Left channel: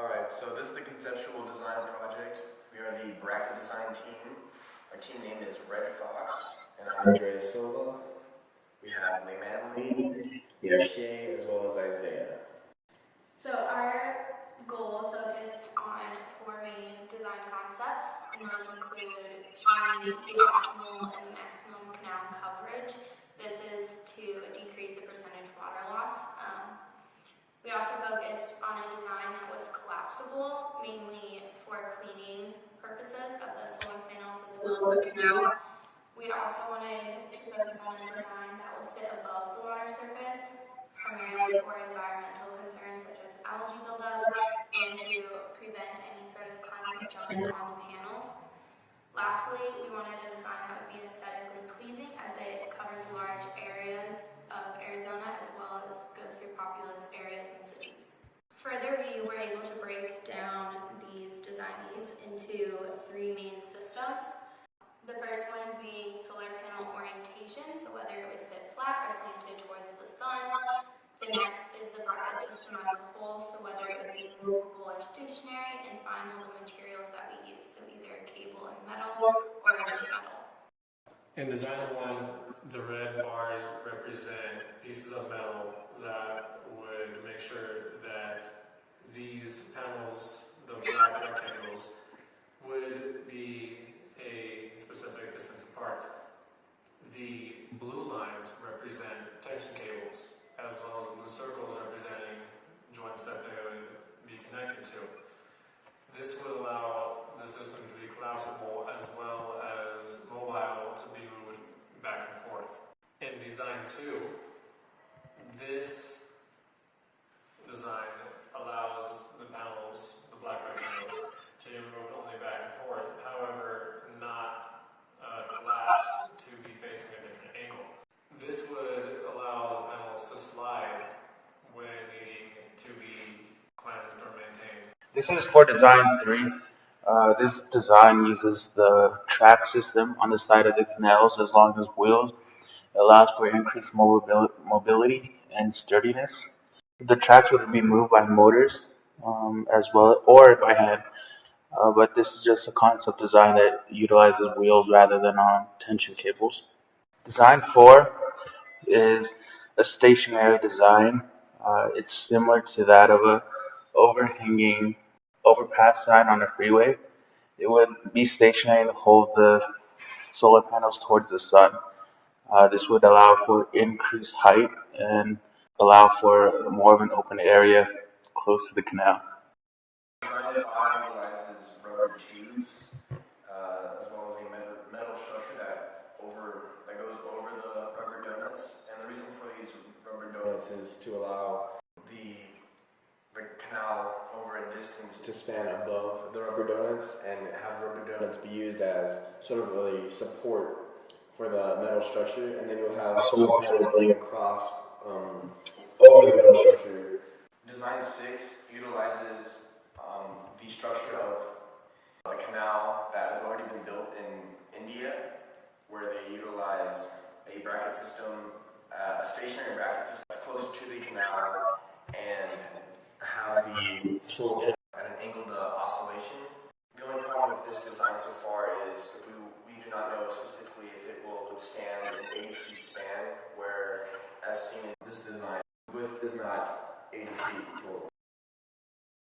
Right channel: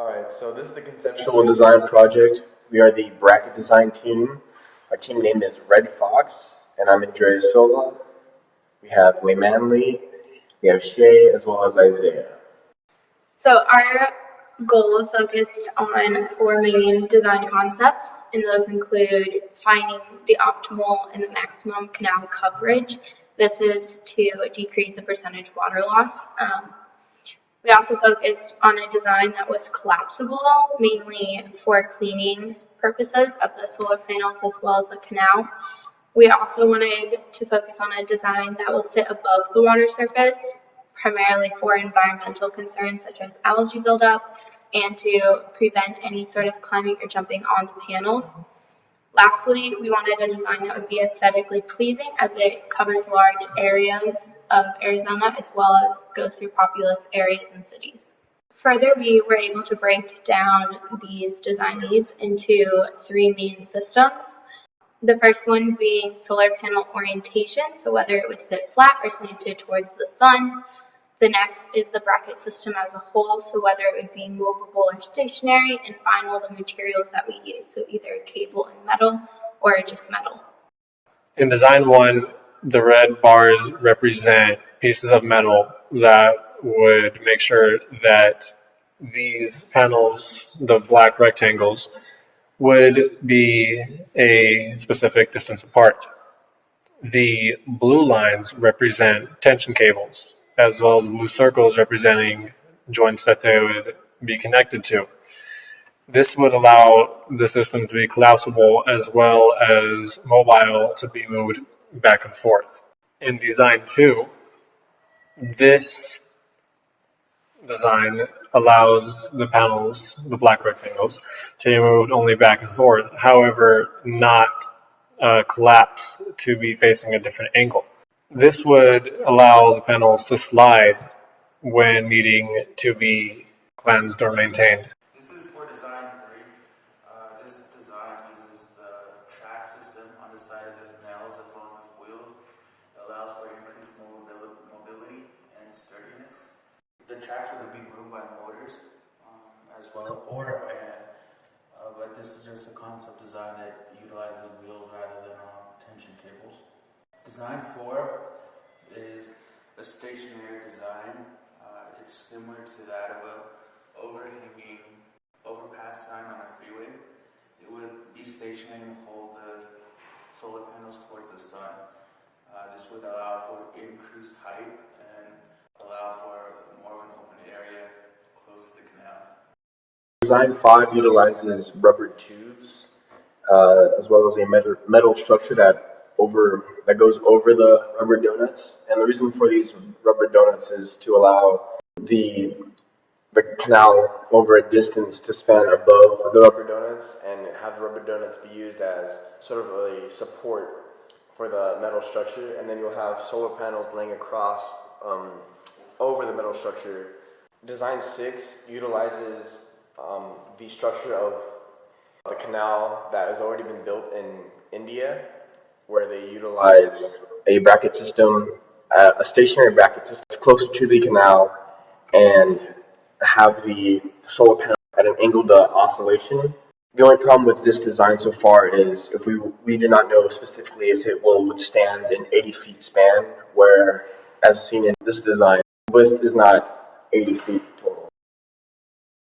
Alright, so this is the conceptual design project. We are the bracket design team. Our team name is Red Fox, and I'm Andrea Silva. We have Way Manley, we have Shay, as well as Isaiah. So our goal focused on 4 main design concepts, and those include finding the optimal and the maximum canal coverage. This is to decrease the percentage water loss. We also focused on a design that was collapsible, mainly for cleaning purposes of the solar panels as well as the canal. We also wanted to focus on a design that will sit above the water surface, primarily for environmental concerns such as algae buildup and to prevent any sort of climbing or jumping on the panels. Lastly, we wanted a design that would be aesthetically pleasing as it covers large areas of Arizona as well as goes through populous areas and cities. Further, we were able to break down these design needs into 3 main systems. The first one being solar panel orientation, so whether it would sit flat or slanted towards the sun. The next is the bracket system as a whole, so whether it would be movable or stationary, and final, the materials that we use, so either cable and metal or just metal. In design 1, the red bars represent pieces of metal that would make sure that these panels, the black rectangles, would be a specific distance apart. The blue lines represent tension cables, as well as blue circles representing joints that they would be connected to. This would allow the system to be collapsible as well as mobile to be moved back and forth. In design 2, this design allows the panels, the black rectangles, to be moved only back and forth, however, not collapse to be facing a different angle. This would allow the panels to slide when needing to be cleansed or maintained. This is for design 3. This design uses the track system on the side of the canals as long as wheels. It allows for increased mobility and sturdiness. The tracks would be moved by motors as well, or by hand. But this is just a concept design that utilizes wheels rather than tension cables. Design 4 is a stationary design. It's similar to that of a overhanging overpass sign on a freeway. It would be stationary to hold the solar panels towards the sun. This would allow for increased height and allow for more of an open area close to the canal. Design 5 utilizes rubber tubes, as well as a metal structure that goes over the rubber donuts. And the reason for these rubber donuts is to allow the canal over a distance to span above the rubber donuts, and have rubber donuts be used as sort of a support for the metal structure, and then you'll have solar panels laying across over the metal structure. Design 6 utilizes the structure of the canal that has already been built in India, where they utilize a bracket system, a stationary bracket system closer to the canal, and have the solar panel at an angled oscillation. The only problem with this design so far is if we do not know specifically if it will withstand an 80 feet span, where, as seen in this design, width is not 80 feet total.